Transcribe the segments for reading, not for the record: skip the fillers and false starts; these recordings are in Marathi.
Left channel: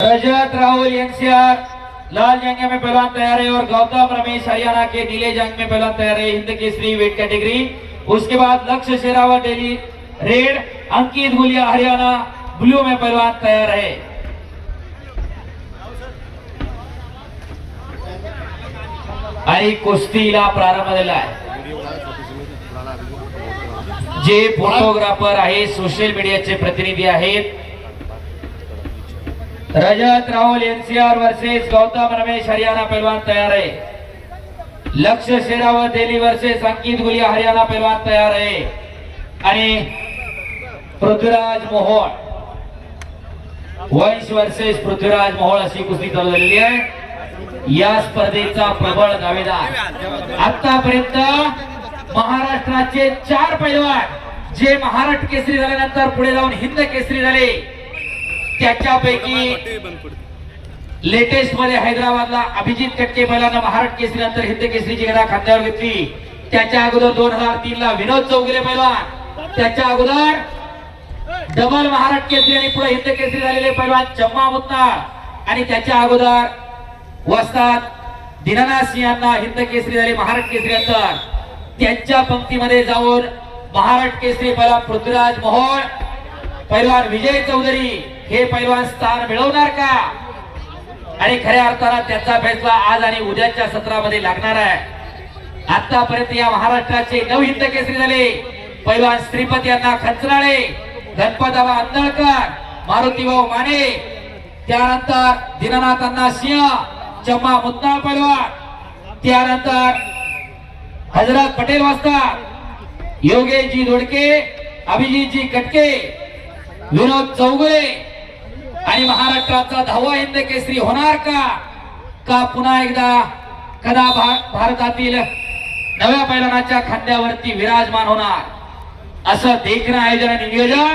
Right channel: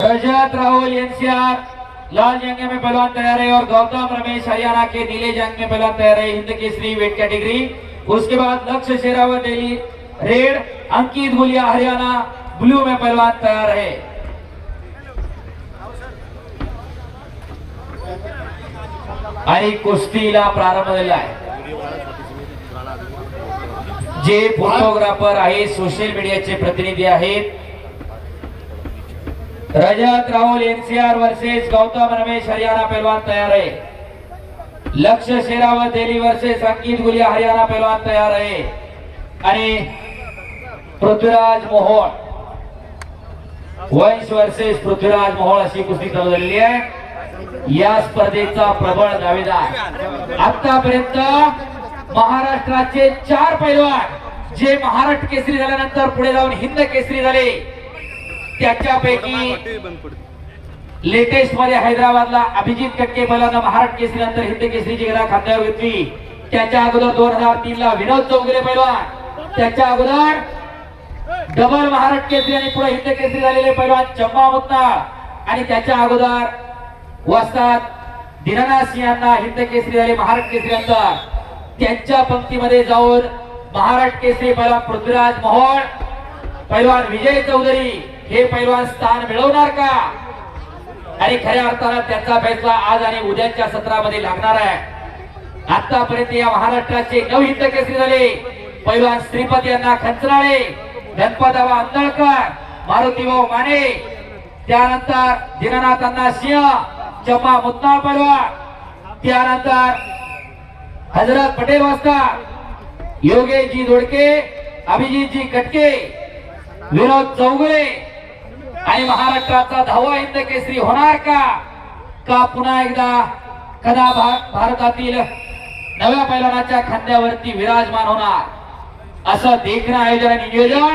रजत राहुल एनसीआर लाल जंग में पहलवान तैयार है और गौतम रमेश हरियाणा के नीले जंग में पहलवान तैयार है हिंद केसरी वेट कैटेगरी। उसके बाद लक्ष्य शेरावत दिल्ली रेड, अंकित गुलिया हरियाणा ब्लू में पहलवान तैयार है। आणि कुस्तीला प्रारंभ झाला आहे। जे फोटोग्राफर आहे सोशल मीडियाचे प्रतिनिधी आहेत। रजत राहुल एनसीआर वर्सेस गौतम रमेश हरियाणा पहलवान तैयार है। लक्ष्य शेरावत दिल्ली वर्सेस अंकित गुलिया हरियाणा पहलवान तैयार है। आणि पृथ्वीराज मोहोळ वंश वर्सेस पृथ्वीराज मोहोळ अशी कुस्ती चालू झालेली आहे। या स्पर्धेचा प्रबळ दावेदार आतापर्यंत महाराष्ट्राचे 4 पैलवान जे महाराष्ट्र केसरी झाल्यानंतर पुढे जाऊन हिंद केसरी झाले, त्याच्यापैकी लेटेस्ट मध्ये हैदराबादला अभिजित कटके पहिल्यांदा महाराष्ट्र केसरी नंतर हिंद केसरीची गदा खांद्यावर घेतली। त्याच्या अगोदर 2003 ला विनोद चौगुले पैलवान, त्याच्या अगोदर डबल महाराष्ट्र केसरी आणि पुढे हिंद केसरी झालेले पैलवान चम्मा मुत्ताळ, आणि त्याच्या अगोदर वस्ताद दीनानाथ सिंह यांना हिंद केसरी झाले महाराष्ट्र केसरी नंतर। त्यांच्या पंक्तीमध्ये जाऊन महाराष्ट्र केसरी पैलवान पृथ्वीराज मोहोळ, पैलवान विजय चौधरी हे पैलवान स्थान मिळवणार का? आणि खऱ्या अर्थाने त्यांचा फैसला आज आणि उद्याच्या सत्रामध्ये लागणार आहे। आतापर्यंत या महाराष्ट्राचे 9 हिंद केसरी झाले। पैलवान श्रीपती यांना खंचनाळे, गणपतराव आंदळकर, मारुतीभाऊ माने, त्यानंतर दीनानाथांना सिंह, चम्मा मुत्ताळ पैलवान, त्यानंतर हजरत पटेल वस्ताद, योगेशजी दोडके, अभिजितजी कटके, विनोद चौगुले, आणि महाराष्ट्राचा 10वा हिंद केसरी होणार का? का पुन्हा एकदा कदा भारतातील नव्या पैलवानाच्या खांद्यावरती विराजमान होणार? असं देखणं आयोजन आणि नियोजन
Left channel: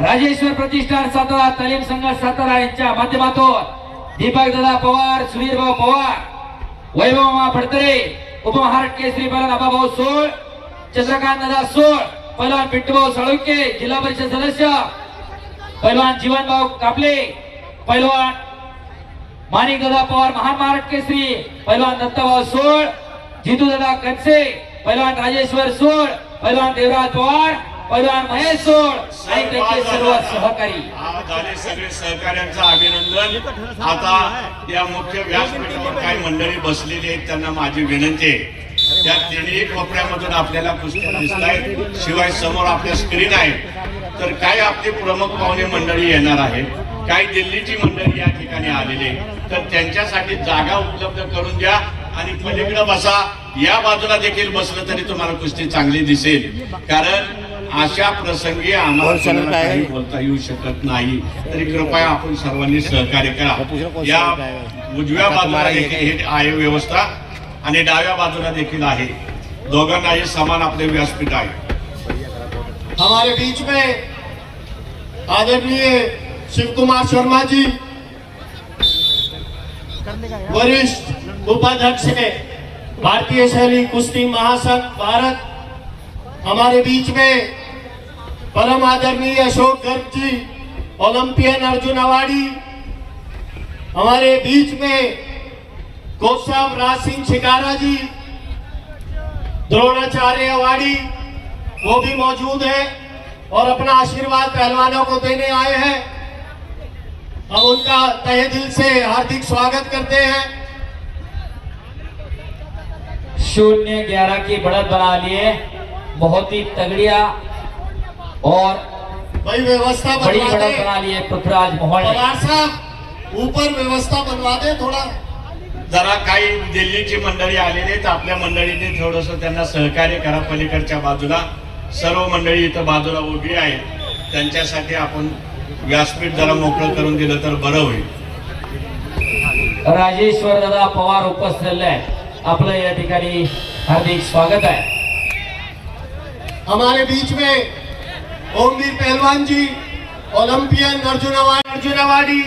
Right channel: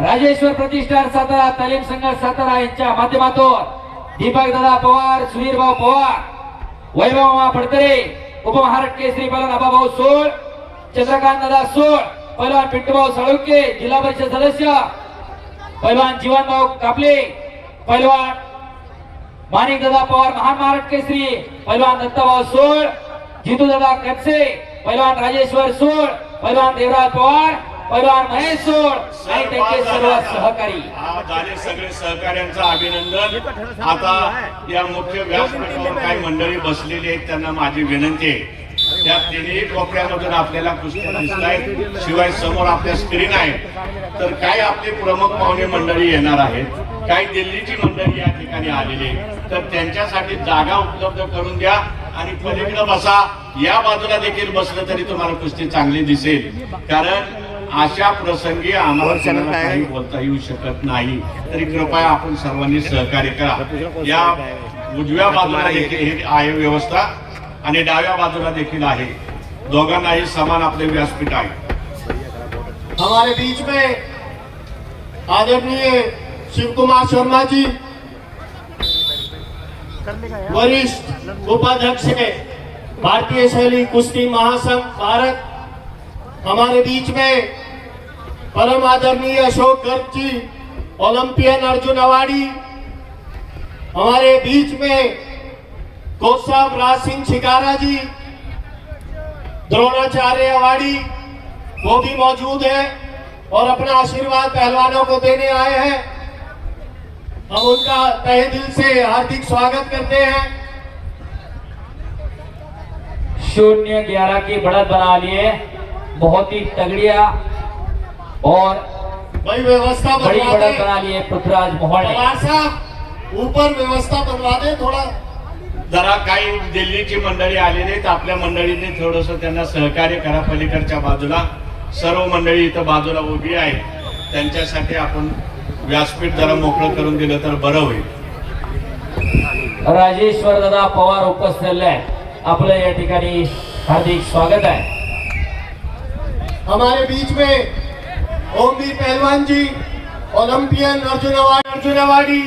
राजेश्वर प्रतिष्ठान सातारा, तालीम संघ सातारा यांच्या माध्यमातून दीपक दादा पवार, सुधीर भाऊ पवार, वैभव फडतरे, उपमहाराष्ट्र केसरी पैलवान आबाभाऊ सोळ, चंद्रकांत दादा सोळ, पैलवान पिट्टूभाऊ साळुंके, जिल्हा परिषद सदस्य पैलवान जीवनभाऊ कापले, पैलवान माणिक दादा पवार महान महाराष्ट्र केसरी, पैलवान दत्ताभाऊ सोळ, जितू दादा कनसे, पैलवान राजेश्वर सोळ, पैलवान देवराज पवार, पैलवान महेश सोळ आणि त्यांचे सर्व सहकारी झाले सगळे सहकार्यांचं अभिनंदन। आता या मुख्य व्यासपीठावर काही मंडळी बसलेली आहेत, त्यांना माझी विनंती आहे त्या तिन्ही कोपऱ्यामधून आपल्याला कुस्त्या दिसतायत, शिवाय समोर आपल्या स्क्रीन आहे। तर काही आपले प्रमुख पाहुणे मंडळी येणार आहेत, काही दिल्लीची मंडळी या ठिकाणी आलेली, तर त्यांच्यासाठी जागा उपलब्ध करून द्या आणि पलीकडे बसा। या बाजूला देखील बसलं तरी तुम्हाला कुस्ती चांगली दिसेल, कारण अशा प्रसंगी आम्हाला कोणाला काही बोलता येऊ शकत नाही। तरी कृपया आपण सर्वांनी सहकार्य करा। या उजव्या बाजूला देखील ही आहे व्यवस्था आणि डाव्या बाजूला देखील आहे, दोघांनाही समान आपले व्यासपीठ आहे। हमारे बीच में आदरणीय शिव कुमार शर्मा जी, वरिष्ठ उपाध्यक्ष है भारतीय शैली कुश्ती महासंघ भारत, हमारे बीच में परम आदरणीय अशोक गर्ग जी, ओलंपियन अर्जुन अवार्डी, हमारे बीच में कोच साहब राज सिंह शिकारा जी, द्रोणाचार्य अवार्डी, वो भी मौजूद है और अपना आशीर्वाद पहलवानों को देने आए हैं। हम उनका तहे दिल से हार्दिक स्वागत करते हैं। 0-11 की बढ़त बना लिए, बहुत ही तगड़िया और भाई व्यवस्था बड़ी बढ़त बना ली है पृथ्वीराज मोहोळ ने। पवार साहब ऊपर व्यवस्था बनवा दे थोड़ा। जरा काही दिल्लीची मंडळी आलेली आहेत, आपल्या मंडळीने थोडस त्यांना सहकार्य करा। पलीकडच्या बाजूला सर्व मंडळी इथं बाजूला उभी आहेत, त्यांच्यासाठी आपण व्यासपीठ जरा मोकळं करून दिलं तर बरं होईल। राजेश्वर दादा पवार उपस्थित आहे, आपलं या ठिकाणी हार्दिक स्वागत आहे। हमारे बीच में ओमवीर पहलवान जी, ओलंपियन अर्जुन अवार्डी,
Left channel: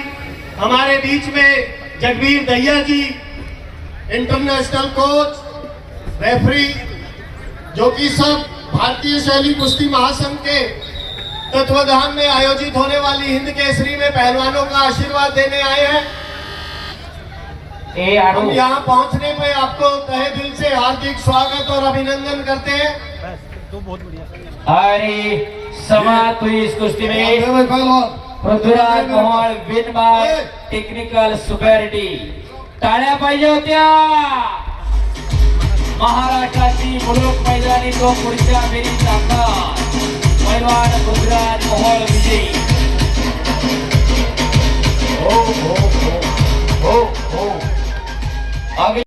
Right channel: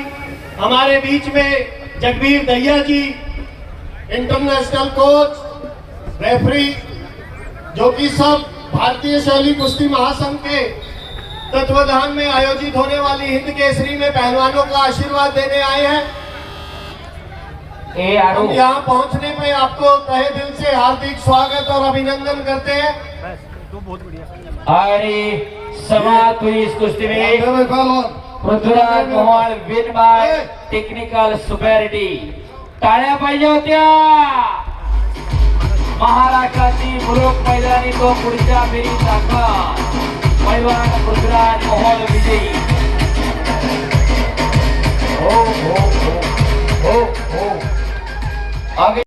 हमारे बीच में जगबीर दहिया जी, इंटरनेशनल कोच, रेफरी, जो कि सब भारतीय शैली कुश्ती महासंघ के तत्वाधान में आयोजित होने वाली हिंद केसरी में पहलवानों का आशीर्वाद देने आए हैं। ए आडू हम यहाँ पहुँचने पे आपको तहे दिल से हार्दिक स्वागत और अभिनंदन करते हैं। आणि समाप्त हुई इस कुश्ती में Prithviraj Mohol win by technical superiority. टाळ्या पाहिजे होत्या। महाराष्ट्राची मुलूक मैदानी तो पुढच्या फेरीत दाखल।